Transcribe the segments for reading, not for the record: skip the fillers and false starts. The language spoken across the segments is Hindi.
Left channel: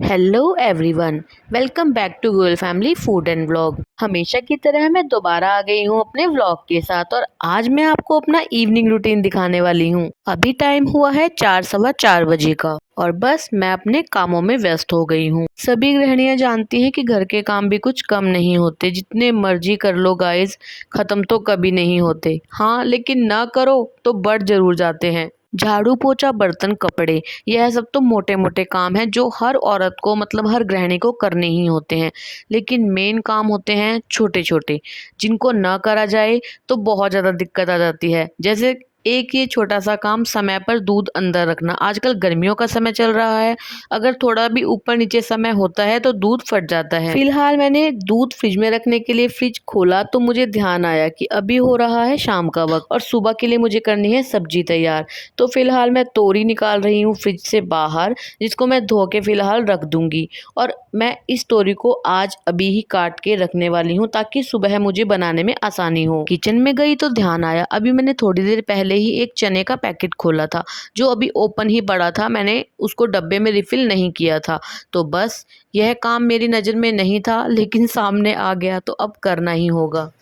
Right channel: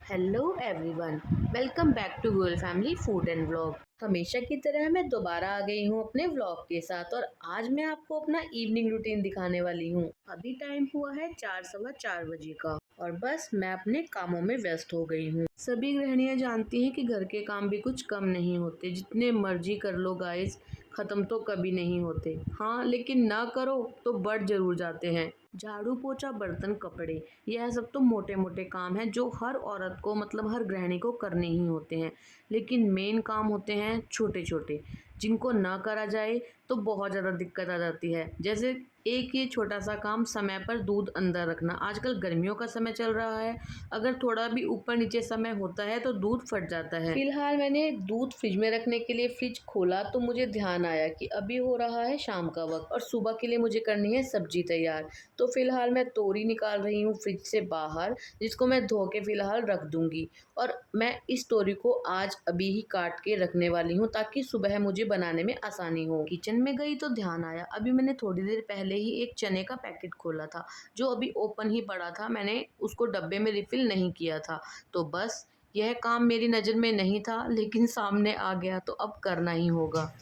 Hello everyone, welcome back to Goyal family food and vlog. हमेशा की तरह मैं दोबारा आ गई हूँ अपने व्लॉग के साथ और आज मैं आपको अपना इवनिंग रूटीन दिखाने वाली हूँ। अभी टाइम हुआ है 4 सवा 4 बजे का और बस मैं अपने कामों में व्यस्त हो गई हूँ। सभी गृहिणियां जानती हैं कि घर के काम भी कुछ कम नहीं होते, जितने मर्जी कर लो गाइस, खत्म तो कभी नहीं होते। हाँ, लेकिन ना करो तो बढ़ जरूर जाते हैं। झाड़ू पोछा बर्तन कपड़े, यह सब तो मोटे मोटे काम हैं जो हर औरत को मतलब हर गृहिणी को करने ही होते हैं। लेकिन मेन काम होते हैं छोटे छोटे, जिनको ना करा जाए तो बहुत ज़्यादा दिक्कत आ जाती है। जैसे एक ये छोटा सा काम, समय पर दूध अंदर रखना। आजकल गर्मियों का समय चल रहा है, अगर थोड़ा भी ऊपर नीचे समय होता है तो दूध फट जाता है। फिलहाल मैंने दूध फ्रिज में रखने के लिए फ्रिज खोला तो मुझे ध्यान आया कि अभी हो रहा है शाम का वक्त और सुबह के लिए मुझे करनी है सब्जी तैयार। तो फिलहाल मैं तोरी निकाल रही हूँ फ्रिज से बाहर, जिसको मैं धो के फिलहाल रख दूंगी। और मैं इस तोरी को आज अभी ही काट के रखने वाली हूँ ताकि सुबह मुझे बनाने में आसानी हो। किचन में गई तो ध्यान आया, अभी मैंने थोड़ी देर पहले ही एक चने का पैकेट खोला था जो अभी ओपन ही पड़ा था, मैंने उसको डब्बे में रिफिल नहीं किया था। तो बस यह काम मेरी नज़र में नहीं था लेकिन सामने आ गया तो अब करना ही होगा।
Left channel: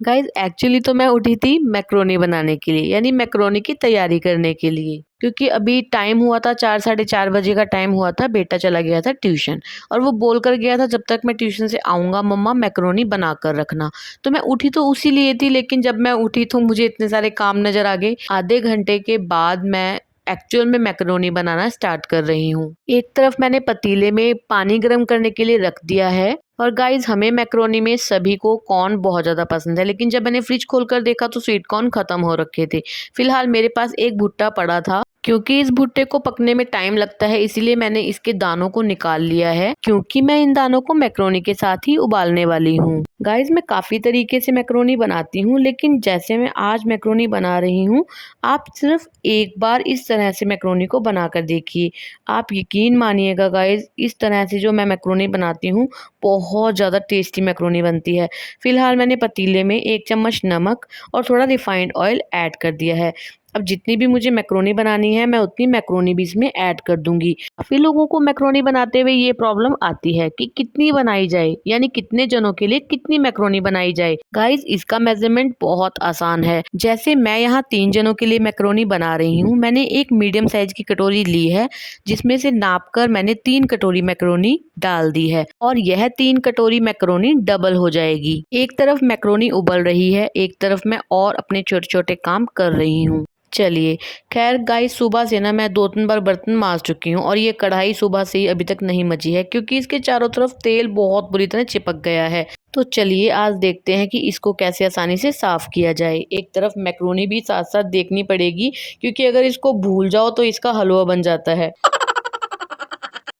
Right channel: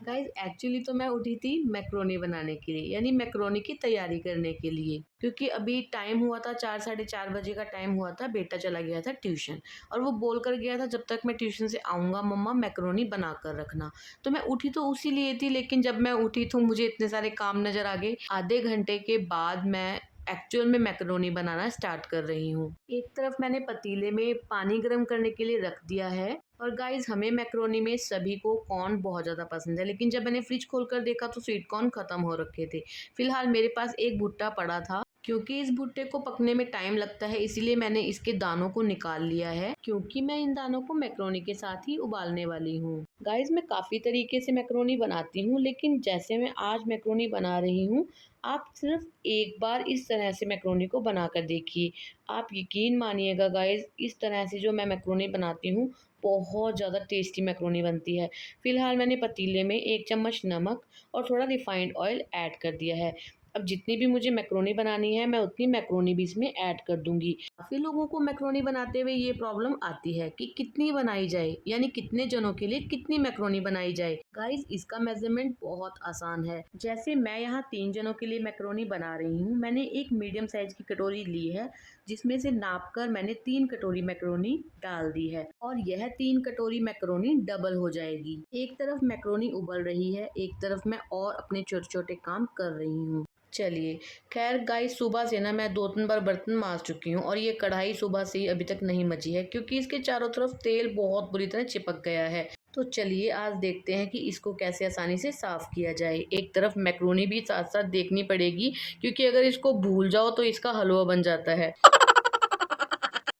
गाइज एक्चुअली तो मैं उठी थी मैक्रोनी बनाने के लिए, यानी मैक्रोनी की तैयारी करने के लिए, क्योंकि अभी टाइम हुआ था 4 साढ़े 4 बजे का टाइम हुआ था। बेटा चला गया था ट्यूशन और वो बोल कर गया था जब तक मैं ट्यूशन से आऊँगा मम्मा मैक्रोनी बना कर रखना। तो मैं उठी तो उसी लिए थी, लेकिन जब मैं उठी तो मुझे इतने सारे काम नज़र आ गए। आधे घंटे के बाद मैं एक्चुअल में मैक्रोनी बनाना स्टार्ट कर रही हूँ। एक तरफ मैंने पतीले में पानी गर्म करने के लिए रख दिया है। और गाइज हमें मैक्रोनी में सभी को कॉर्न बहुत ज़्यादा पसंद है, लेकिन जब मैंने फ्रिज खोलकर देखा तो स्वीट कॉर्न खत्म हो रखे थे। फिलहाल मेरे पास एक भुट्टा पड़ा था, क्योंकि इस भुट्टे को पकने में टाइम लगता है इसीलिए मैंने इसके दानों को निकाल लिया है, क्योंकि मैं इन दानों को मैक्रोनी के साथ ही उबालने वाली हूँ। गाइज मैं काफ़ी तरीके से मैक्रोनी बनाती हूँ, लेकिन जैसे मैं आज मैक्रोनी बना रही हूँ, आप सिर्फ एक बार इस तरह से मैक्रोनी को बना कर देखिए। आप यकीन मानिएगा गाइज, इस तरह से जो मैं मैक्रोनी बनाती हूँ बहुत ज़्यादा टेस्टी मैक्रोनी बनती है। फिलहाल मैंने पतीले में 1 चम्मच नमक और थोड़ा रिफाइंड ऑयल ऐड कर दिया है। अब जितनी भी मुझे मैक्रोनी बनानी है मैं उतनी मैक्रोनी भी इसमें ऐड कर दूंगी। काफ़ी लोगों को मैक्रोनी बनाते हुए ये प्रॉब्लम आती है कि कितनी बनाई जाए, यानी कितने जनों के लिए कितनी मैक्रोनी बनाई जाए। गाइज इसका मेजरमेंट बहुत आसान है। जैसे मैं यहाँ 3 जनों के लिए मैक्रोनी बना रही हूँ, मैंने एक मीडियम साइज की कटोरी ली है जिसमें से नाप कर मैंने 3 कटोरी मैक्रोनी डाल दी है और यह 3 कटोरी मैक्रोनी डबल हो जाएगी। एक तरफ मैक्रोनी उबल रही है, एक तरफ मैं और अपने छोटे छोटे काम कर रही हूँ। चलिए, खैर गाइस सुबह से ना मैं 2-3 बार बर्तन मांज चुकी हूँ और ये कढ़ाई सुबह से ही अभी तक नहीं मची है, क्योंकि इसके चारों तरफ तेल बहुत बुरी तरह चिपक गया है। तो चलिए आज देखते हैं कि इसको कैसे आसानी से साफ किया जाए। एक तरफ मैक्रोनी भी साथ साथ देखनी पड़ेगी, क्योंकि अगर इसको भूल जाओ तो इसका हलवा बन जाता है।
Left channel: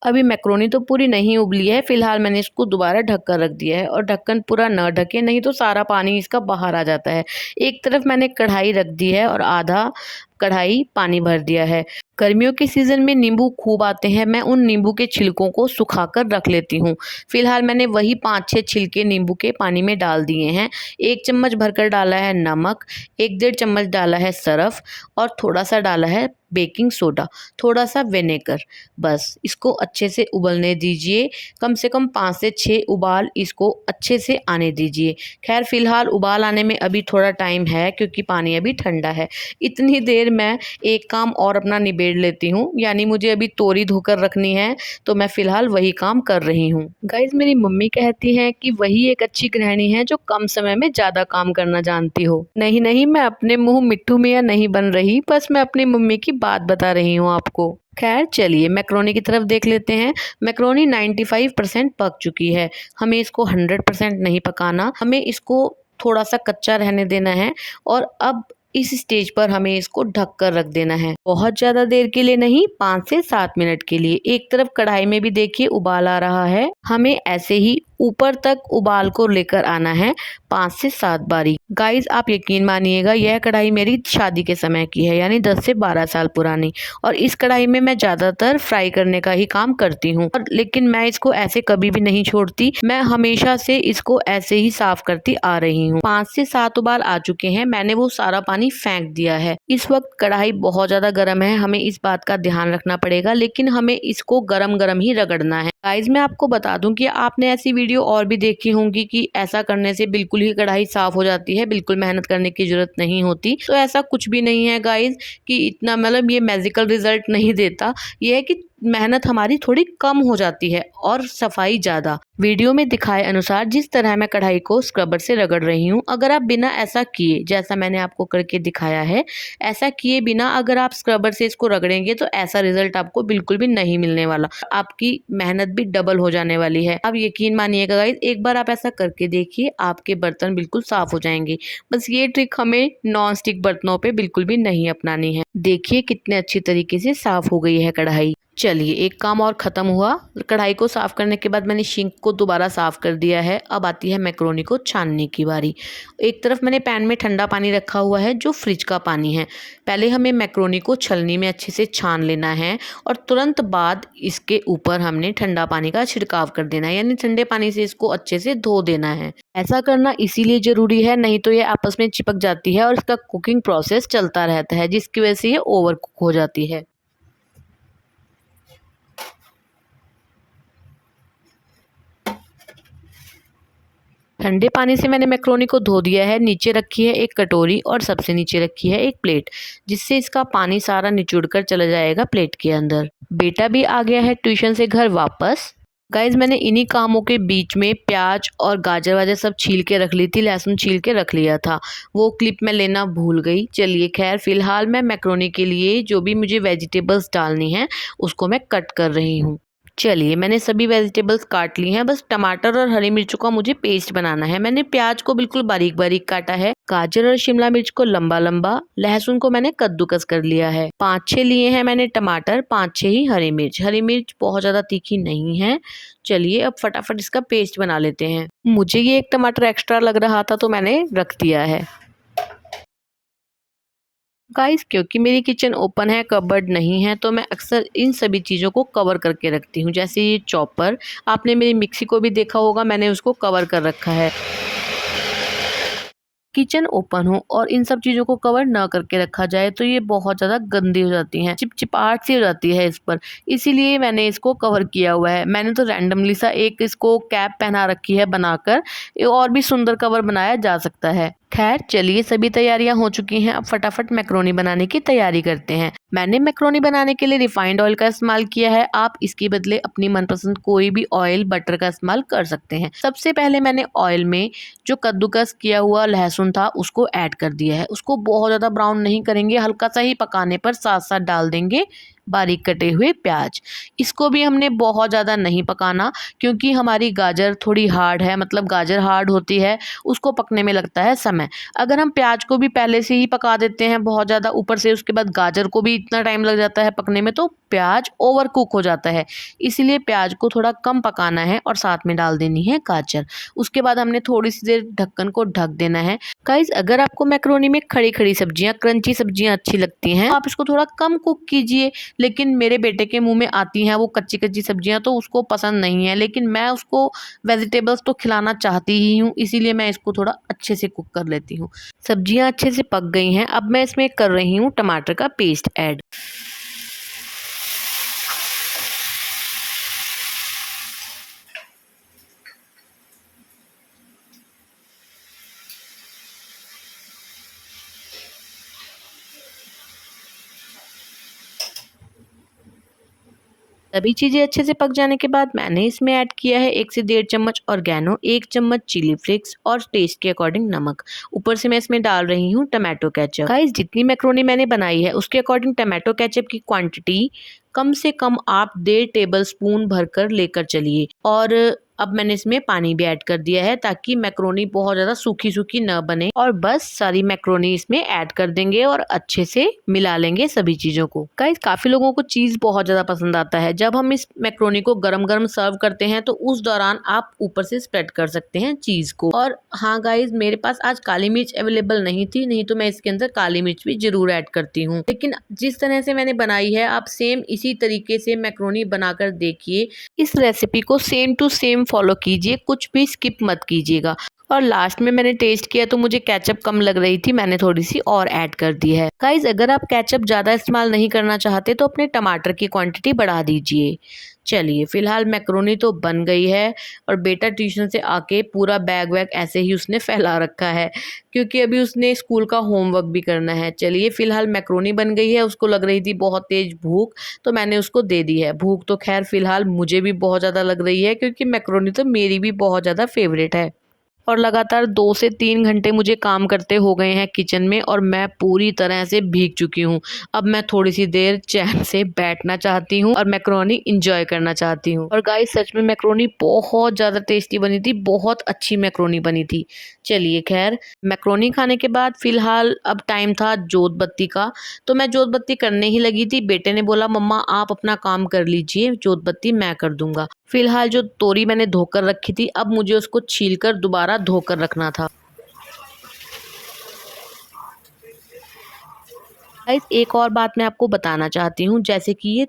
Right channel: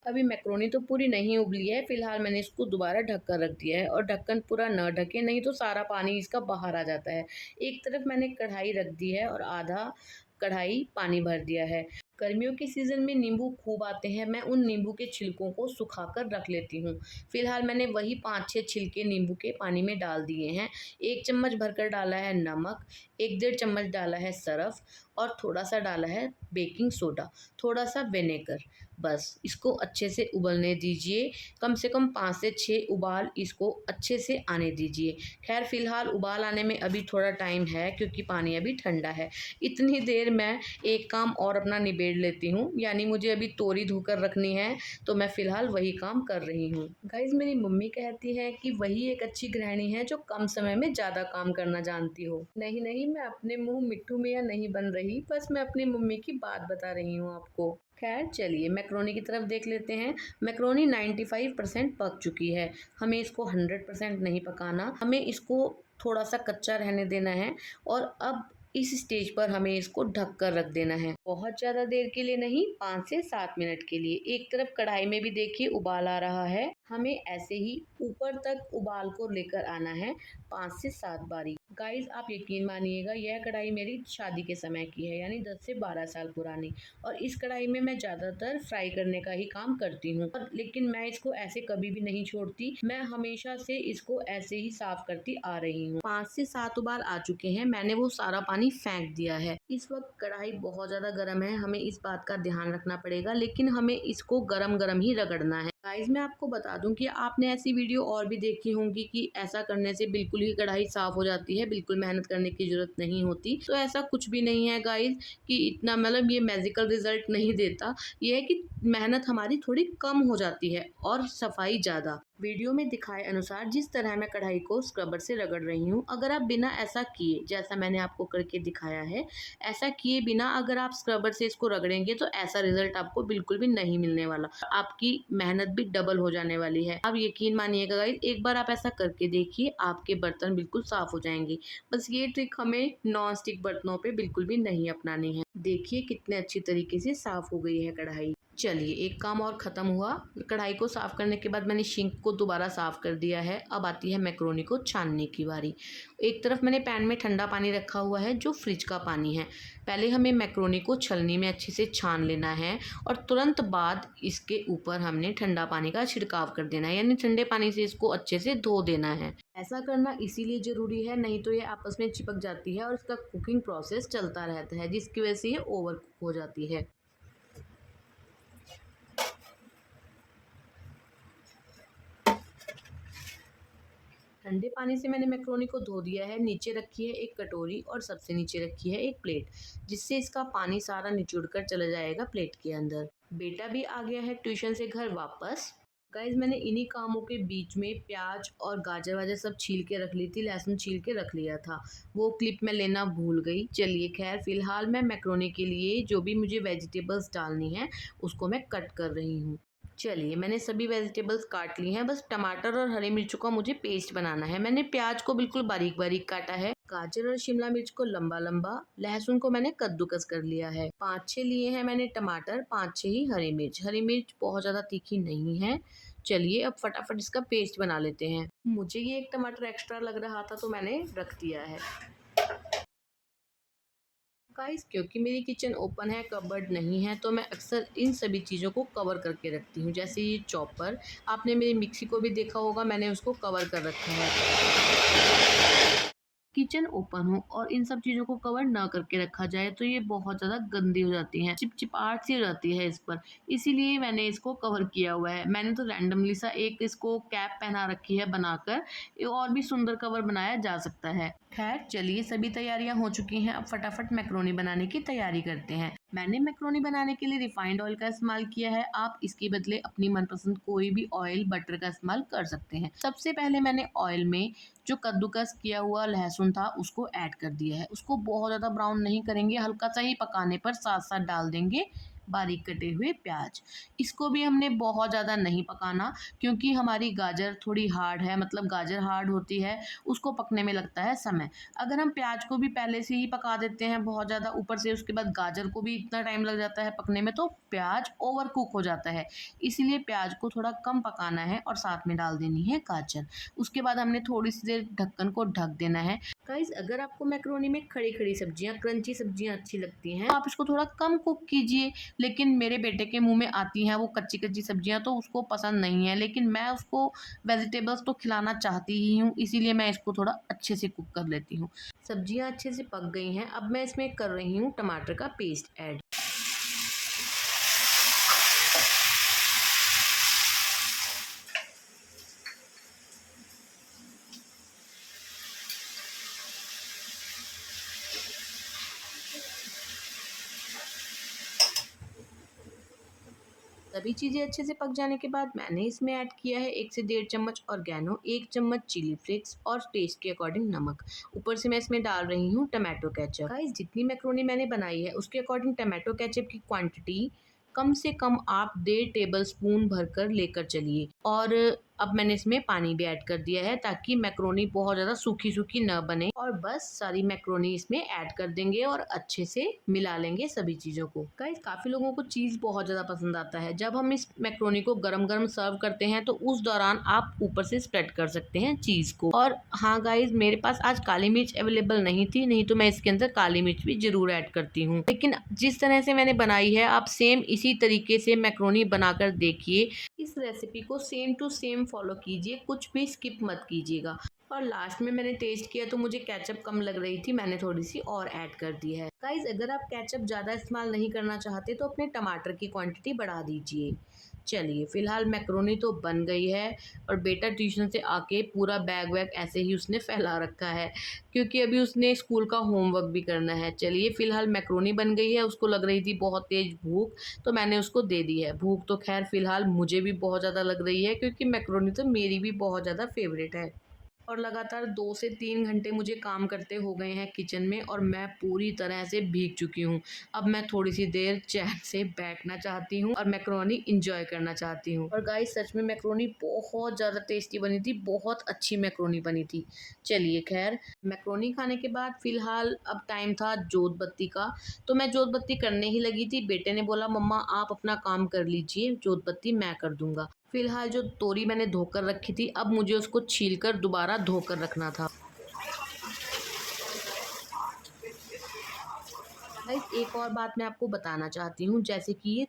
अभी मैक्रोनी तो पूरी नहीं उबली है, फिलहाल मैंने इसको दोबारा ढक कर रख दिया है और ढक्कन पूरा न ढके नहीं तो सारा पानी इसका बाहर आ जाता है। एक तरफ मैंने कढ़ाई रख दी है और आधा कढ़ाई पानी भर दिया है। गर्मियों के सीज़न में नींबू खूब आते हैं, मैं उन नींबू के छिलकों को सुखाकर रख लेती हूँ। फिलहाल मैंने वही 5-6 छिलके नींबू के पानी में डाल दिए हैं। 1 चम्मच भरकर डाला है नमक, 1-1.5 चम्मच डाला है सरफ और थोड़ा सा डाला है बेकिंग सोडा, थोड़ा सा विनेगर। बस इसको अच्छे से उबलने दीजिए, कम से कम 5 से 6 उबाल इसको अच्छे से आने दीजिए। खैर फिलहाल उबाल आने में अभी थोड़ा टाइम है, क्योंकि पानी अभी ठंडा है। इतनी देर मैं एक काम और अपना निबेड़ लेती हूँ, यानी मुझे अभी तोरी धोकर रखनी है, तो मैं फिलहाल वही काम कर रही हूँ। गाइज मेरी मम्मी कहती हैं कि वही एक अच्छी गृहिणी है जो कम समय में ज़्यादा काम करना जानती हो। नहीं नहीं, मैं अपने मुँह मिट्ठू मियाँ नहीं बन रही, बस मैं अपनी मम्मी की बात बता रही हूँ आपको। खैर चलिए मैक्रोनी की तरफ देख लेते हैं। मैक्रोनी 95% पक चुकी है, हमें इसको 100% नहीं पकाना, हमें इसको थोड़ा सा कच्चा रहने देना है। और अब इस स्टेज पर हमें इसको ढक कर रख देना है, बहुत ज़्यादा देर के लिए नहीं, 5 से 7 मिनट के लिए। एक तरफ कढ़ाई में भी देखिए उबाल आ रहा है, हमें ऐसे ही ऊपर तक उबाल को लेकर आना है 5 से 7 बारी। गाइस आप यकीन मानिएगा यह कढ़ाई मेरी शादी के समय की है, यानी 10 से 12 साल पुरानी। और इस कढ़ाई में मैं ज़्यादातर फ्राई करने का ही काम करती हूँ, और लेकिन मैं इसको ऐसे कभी भी नहीं छोड़ती। मैं हमेशा से इसको ऐसे ही साफ करती आ रही हूँ। 5 से 7 उबाल आ चुके हैं, मैंने वो सारा पानी फेंक दिया है। इस वक्त कढ़ाई बहुत ज़्यादा गर्म है, हमें इस बात का ध्यान रखना पड़ेगा, लेकिन हमें इसको गरम गरम ही रगड़ना है। गाइज मैं आपको बता दूं कि आपने ऐसी वीडियो और भी देखी होंगी कि ऐसा करने से बिल्कुल ही कढ़ाई साफ हो जाती है, बिल्कुल मेहनत करने की जरूरत नहीं होती। तो ऐसा कुछ भी नहीं है गाइज कि इतना मतलब ये मैजिकल रिजल्ट नहीं देता। ये है कि मेहनत हमारी थोड़ी कम हो जाती है और सफाई ज़्यादा। वीडियो में दिखाए अनुसार जिस तरह मैं कढ़ाई को स्क्रबर से रगड़ रही हूँ, अगर आप बिना ऐसा किए, जैसा मैंने आपको करके दिखाया है, ऐसा किए बिना अगर आप स्क्रबर से इसको रगड़ेंगे तो ऐसा रिजल्ट आपको बिल्कुल भी नहीं मिलने वाला। आपकी मेहनत भी डबल हो जाने वाली है। आप यकीन मानिएगा गाइस, एक बार आप ऐसा करके देखिए, आपके बर्तन बिल्कुल साफ हो जाएंगे। बस ये ट्रिक हमें नॉन स्टिक बर्तनों पे बिल्कुल भी नहीं अपनानी है। देखिए कितने अच्छी तरीके से साफ हो गई है कढ़ाई। चलिए एक काम और ख़त्म हुआ। कढ़ाई को साफ़ करने के बाद मैंने सिंक को दोबारा साफ़ कर दिया है। अब आती है मैक्रोनी को छानने की बारी। एक तरफ मैंने पैन में ठंडा पानी रखा हुआ है जो फ्रिज का पानी है। पहले हमें मैक्रोनी को छलनी में अच्छे से छान लेना है और तुरंत बाद इसके ऊपर हमने ठंडा पानी का छिड़काव कर देना है, यानी ठंडे पानी से इसको अच्छे से धो देना है। ऐसा करना इसीलिए ज़रूरी है, नहीं तो ये आपस में चिपक जाती है और इसका कुकिंग प्रोसेस चलता रहता है, जिसकी वजह से ये ओवर कुक हो जाती है। ठंडे पानी से मैंने मैक्रोनी को धो दिया है। नीचे रखी है एक कटोरी और सबसे नीचे रखी है एक प्लेट, जिससे इसका पानी सारा निचुड़ कर चला जाएगा प्लेट के अंदर। बेटा भी आ गया है ट्यूशन से घर वापस। गाइज मैंने इन्हीं कामों के बीच में प्याज और गाजर वाजर सब छील के रख ली थी, लहसुन छील के रख लिया था, वो क्लिप में लेना भूल गई। चलिए खैर फिलहाल मैं मैक्रोनी के लिए जो भी मुझे वेजिटेबल्स डालनी है उसको मैं कट कर रही हूँ। चलिए मैंने सभी वेजिटेबल्स काट ली हैं, बस टमाटर और हरी मिर्च का मुझे पेस्ट बनाना है। मैंने प्याज को बिल्कुल बारीक बारीक काटा है, गाजर और शिमला मिर्च को लंबा लंबा, लहसुन को मैंने कद्दूकस कर लिया है। 5-6 लिए हैं मैंने टमाटर, 5-6 ही हरी मिर्च। हरी मिर्च बहुत ज़्यादा तीखी नहीं है। चलिए अब फटाफट इसका पेस्ट बना लेते हैं। मुझे ये एक टमाटर एक्स्ट्रा लग रहा था तो मैंने रख दिया है। गाइस क्योंकि मेरी किचन ओपन है, कबर्ड नहीं है, तो मैं अक्सर इन सभी चीज़ों को कवर करके रखती हूँ। जैसे ये चॉपर, आपने मेरी मिक्सी को भी देखा होगा, मैंने उसको कवर कर रखा है। किचन ओपन हो और इन सब चीज़ों को कवर ना करके रखा जाए तो ये बहुत ज़्यादा गंदी हो जाती हैं, चिपचिपाहट सी हो जाती है इस पर, इसीलिए मैंने इसको कवर किया हुआ है। मैंने तो रैंडमली सा एक इसको कैप पहना रखी है बनाकर, ये और भी सुंदर कवर बनाया जा सकता है। खैर चलिए सभी तैयारियां हो चुकी हैं, अब फटाफट मैक्रोनी बनाने की तैयारी करते हैं। मैंने मैक्रोनी बनाने के लिए रिफाइंड ऑयल का इस्तेमाल किया है, आप इसके बदले अपनी मनपसंद कोई भी ऑयल, बटर का इस्तेमाल कर सकते हैं। सबसे पहले मैंने ऑयल में जो कद्दूकस किया हुआ लहसुन था उसको ऐड कर दिया है। उसको बहुत ज़्यादा ब्राउन नहीं करेंगे, हल्का सा ही पकाने पर साथ साथ डाल देंगे बारीक कटे हुए प्याज। इसको भी हमने बहुत ज़्यादा नहीं पकाना, क्योंकि हमारी गाजर थोड़ी हार्ड है, मतलब गाजर हार्ड होती है, उसको पकने में लगता है समय। अगर हम प्याज को भी पहले से ही पका देते हैं बहुत ज़्यादा ऊपर से, उसके बाद गाजर को भी इतना टाइम लग जाता है पकने में, तो प्याज ओवर कुक हो जाता है। इसीलिए प्याज को थोड़ा कम पकाना है और साथ में डाल देनी है गाजर। उसके बाद हमने थोड़ी सी देर ढक्कन को ढक देना है। गाइस अगर आपको मैक्रोनी में खड़ी खड़ी सब्जियां, क्रंची सब्जियां अच्छी लगती हैं, तो आप इसको थोड़ा कम कुक कीजिए। लेकिन मेरे बेटे के मुंह में आती हैं वो कच्ची कच्ची सब्जियां, तो उसको पसंद नहीं है, लेकिन मैं उसको वेजिटेबल्स तो खिलाना चाहती ही हूँ, इसीलिए मैं इसको थोड़ा अच्छे से कुक कर लेती हूँ। सब्जियां अच्छे से पक गई हैं, अब मैं इसमें कर रही हूँ टमाटर का पेस्ट ऐड। सभी चीज़ें अच्छे से पक जाने के बाद मैंने इसमें ऐड किया है 1 से 1.5 चम्मच ऑर्गेनो, 1 चम्मच चिली फ्लेक्स और टेस्ट के अकॉर्डिंग नमक। ऊपर से मैं इसमें डाल रही हूँ टमाटो केचप। गाइस जितनी मैक्रोनी मैंने बनाई है उसके अकॉर्डिंग टमाटो केचप की क्वांटिटी कम से कम आप 1.5 टेबल स्पून भरकर लेकर चलिए। और अब मैंने इसमें पानी भी ऐड कर दिया है ताकि मैक्रोनी बहुत ज़्यादा सूखी सूखी न बने। और बस सारी मैक्रोनी इसमें ऐड कर देंगे और अच्छे से मिला लेंगे सभी चीज़ों को। गाइस काफ़ी लोगों को चीज़ बहुत ज़्यादा पसंद आता है। जब हम इस मैक्रोनी को गरम गरम सर्व करते हैं तो उस दौरान आप ऊपर से स्प्रेड कर सकते हैं चीज़ को। और हाँ गाइस, मेरे पास आज काली मिर्च अवेलेबल नहीं थी, नहीं तो मैं इसके अंदर काली मिर्च भी जरूर ऐड करती हूँ। लेकिन जिस तरह से मैंने बनाई है आप सेम इसी तरीके से मैक्रोनी बनाकर देखिए। इस रेसिपी को सेम टू सेम फॉलो कीजिए, कुछ भी स्किप मत कीजिएगा। और लास्ट में मैंने टेस्ट किया तो मुझे केचप कम लग रही थी, मैंने थोड़ी सी और ऐड कर दी है। गाइज अगर आप केचप ज़्यादा इस्तेमाल नहीं करना चाहते तो अपने टमाटर की क्वांटिटी बढ़ा दीजिए। चलिए फिलहाल मैक्रोनी तो बन गई है और बेटा ट्यूशन से आके पूरा बैग वैग ऐसे ही उसने फैला रखा है क्योंकि अभी उसने स्कूल का होमवर्क भी करना है। चलिए फिलहाल मैक्रोनी बन गई है, उसको लग रही थी बहुत तेज भूख तो मैंने उसको दे दी है। भूख तो खैर फिलहाल मुझे भी बहुत ज़्यादा लग रही है क्योंकि मैक्रोनी तो मेरी भी बहुत ज़्यादा फेवरेट है। और लगातार 2 से 3 घंटे मुझे काम करते हो गए हैं किचन में और मैं पूरी तरह से भीग चुकी हूँ। अब मैं थोड़ी सी देर चैन से बैठना चाहती हूँ और मैक्रोनी एंजॉय करना चाहती हूँ। और गाइस सच में मैक्रोनी बहुत ज़्यादा टेस्टी बनी थी, बहुत अच्छी मैक्रोनी बनी थी। चलिए खैर मैक्रोनी खाने के बाद फिलहाल अब टाइम था जोत बत्ती का, तो मैं जोत बत्ती करने ही लगी थी। बेटे ने बोला मम्मा आप अपना काम कर लीजिए, जोत बत्ती मैं कर दूंगा। फिलहाल जो तोरी मैंने धोकर रखी थी अब मुझे उसको छीलकर दोबारा धोकर रखना था। गाइस एक और बात मैं आपको बताना चाहती हूँ, जैसे कि ये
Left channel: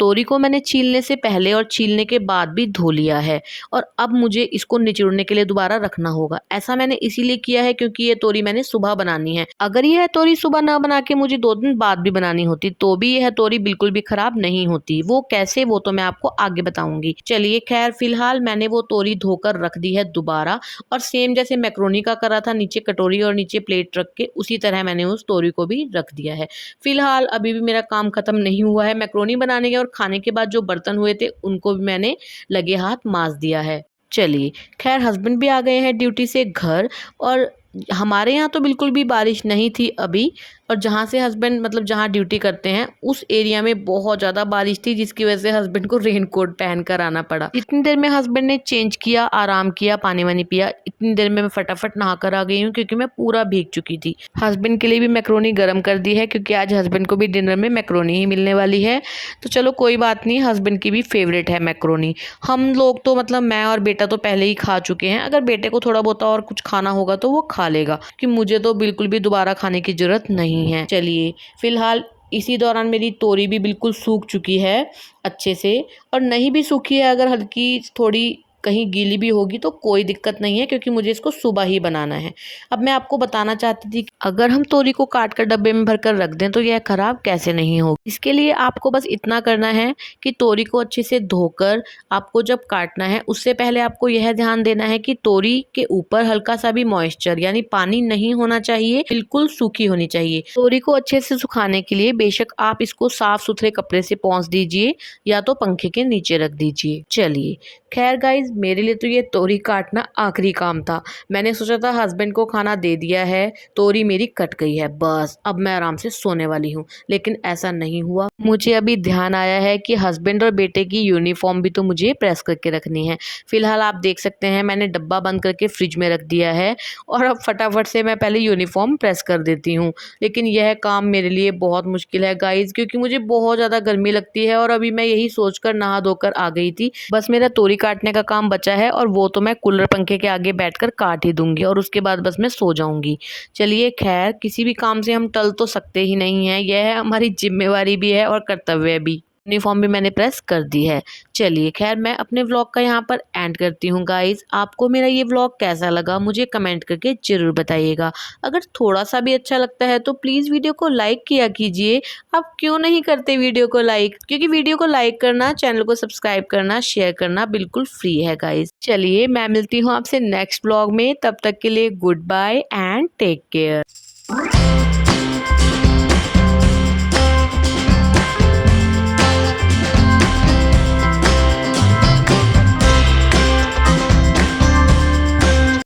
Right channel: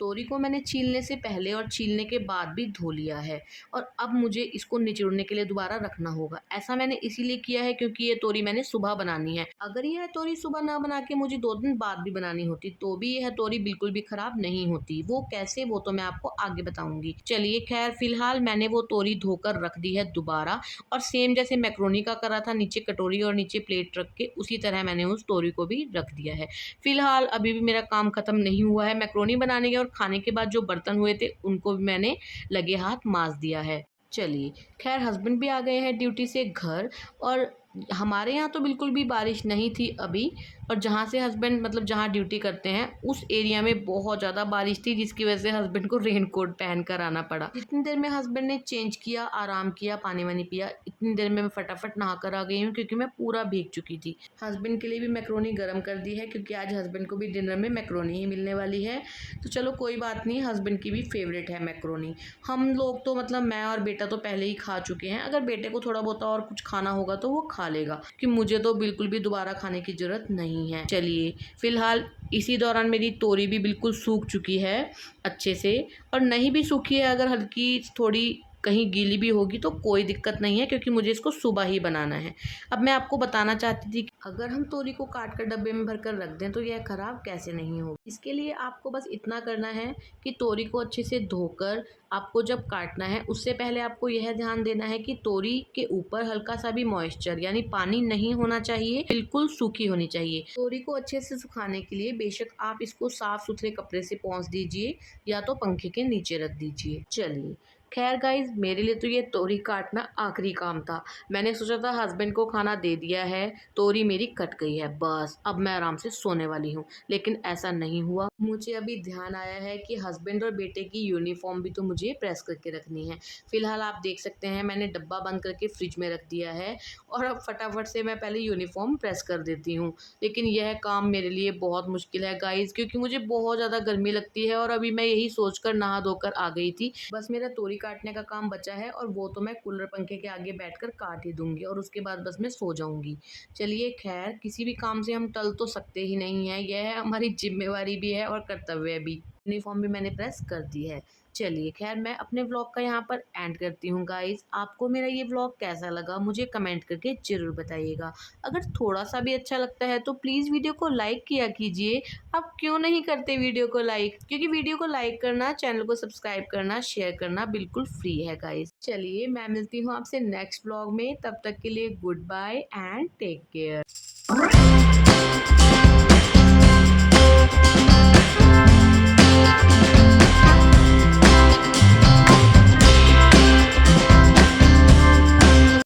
तोरी को मैंने छीलने से पहले और छीलने के बाद भी धो लिया है और अब मुझे इसको निचोड़ने के लिए दोबारा रखना होगा। ऐसा मैंने इसीलिए किया है क्योंकि ये तोरी मैंने सुबह बनानी है। अगर यह तोरी सुबह ना बना के मुझे 2 दिन बाद भी बनानी होती तो भी यह तोरी बिल्कुल भी खराब नहीं होती। वो कैसे, वो तो मैं आपको आगे बताऊंगी। चलिए खैर फिलहाल मैंने वो तोरी धोकर रख दी है दोबारा और सेम जैसे मैक्रोनी का करा था, नीचे कटोरी और नीचे प्लेट रख के उसी तरह मैंने उस तोरी को भी रख दिया है। फिलहाल अभी भी मेरा काम खत्म नहीं हुआ है। मैक्रोनी बनाने के और खाने के बाद जो बर्तन हुए थे उनको भी मैंने लगे हाथ मांज दिया है। चलिए खैर हस्बैंड भी आ गए हैं ड्यूटी से घर और हमारे यहाँ तो बिल्कुल भी बारिश नहीं थी अभी। और जहाँ से हस्बैंड मतलब जहाँ ड्यूटी करते हैं उस एरिया में बहुत ज़्यादा बारिश थी जिसकी वजह से हस्बैंड को रेन कोट पहन कर आना पड़ा। इतनी देर में हस्बैंड ने चेंज किया, आराम किया, पानी वानी पिया। इतनी देर में मैं फटाफट नहा कर आ गई हूँ क्योंकि मैं पूरा भीग चुकी थी। हस्बैंड के लिए भी मैक्रोनी गर्म कर दी है क्योंकि आज हस्बैंड को भी डिनर में मैक्रोनी ही मिलने वाली है। तो चलो कोई बात नहीं, हस्बैंड की भी फेवरेट है मैक्रोनी। हम लोग तो मतलब मैं और बेटा तो पहले ही खा चुके हैं। अगर बेटे को थोड़ा बहुत और कुछ खाना होगा तो वो खा लेगा कि मुझे तो बिल्कुल भी दोबारा खाने की जरूरत नहीं है। चलिए फिलहाल इसी दौरान मेरी तोरी भी बिल्कुल सूख चुकी है अच्छे से, और नहीं भी सूखी है अगर हल्की थोड़ी कहीं गीली भी होगी तो कोई दिक्कत नहीं है क्योंकि मुझे इसको सुबह ही बनाना है। अब मैं आपको बताना चाहती थी कि अगर हम तोरी को काट कर डब्बे में भरकर रख दें तो यह खराब कैसे नहीं होगी। इसके लिए आपको बस इतना करना है कि तोरी को अच्छे से धोकर आपको जब काटना है उससे पहले आपको यह ध्यान देना है कि तोरी के ऊपर हल्का सा भी मॉइस्चर यानी पानी नहीं होना चाहिए, बिल्कुल सूखी होनी चाहिए। तोरी को अच्छे से सुखाने के लिए बेशक आप इसको साफ सुथरे कपड़े से पोंछ दीजिए या तो पंखे के नीचे रख दीजिए। चलिए खैर गाइज मेरे लिए तो ये तोरी काटना आखिरी काम था। मैंने सोचा था हस्बैंड को खाना दे दिया है, तोरी मेरी कट गई है, बस अब मैं आराम से सोने वाली हूँ। लेकिन ऐसा नहीं हुआ। मुझे अभी ध्यान आया है कि हस्बैंड और बेटे की यूनिफॉर्म भी तो मुझे प्रेस करके रखनी है। फिलहाल आप देख सकते हैं मैंने डब्बा बंद करके फ्रिज में रख दिया है और अब फटाफट से मैं पहले यूनिफॉर्म प्रेस कर देती हूँ। लेकिन यह काम मेरे लिए बहुत मुश्किल है गाइज क्योंकि मुझे बहुत ज़्यादा गर्मी लगती है और अभी मैं यही सोचकर नहा धोकर आ गई थी। बस मेरा तोरी काटने का काम बचा है और वो तो मैं कूलर पंखे के आगे बैठकर काट ही दूंगी और उसके बाद बस मैं सो जाऊंगी। चलिए खैर किसी भी काम से हम टल तो सकते ही नहीं हैं, यह है हमारी जिम्मेवारी भी है और कर्तव्य भी। यूनिफॉर्म भी मैंने प्रेस कर दी है। चलिए खैर मैं अपने व्लॉग का यहाँ पर एंड करती हूँ गाइज। आपको मेरा ये व्लॉग कैसा लगा मुझे कमेंट करके जरूर बताइएगा। अगर थोड़ा सा भी अच्छा लगता है तो प्लीज़ वीडियो को लाइक किया कीजिए। आप क्यों नहीं करते वीडियो को लाइक, क्योंकि वीडियो को लाइक करना, चैनल को सब्सक्राइब करना, शेयर करना बिल्कुल फ्री है गाइज। चलिए मैं मिलती हूँ आपसे नेक्स्ट व्लॉग में, तब तक के लिए good bye and take care.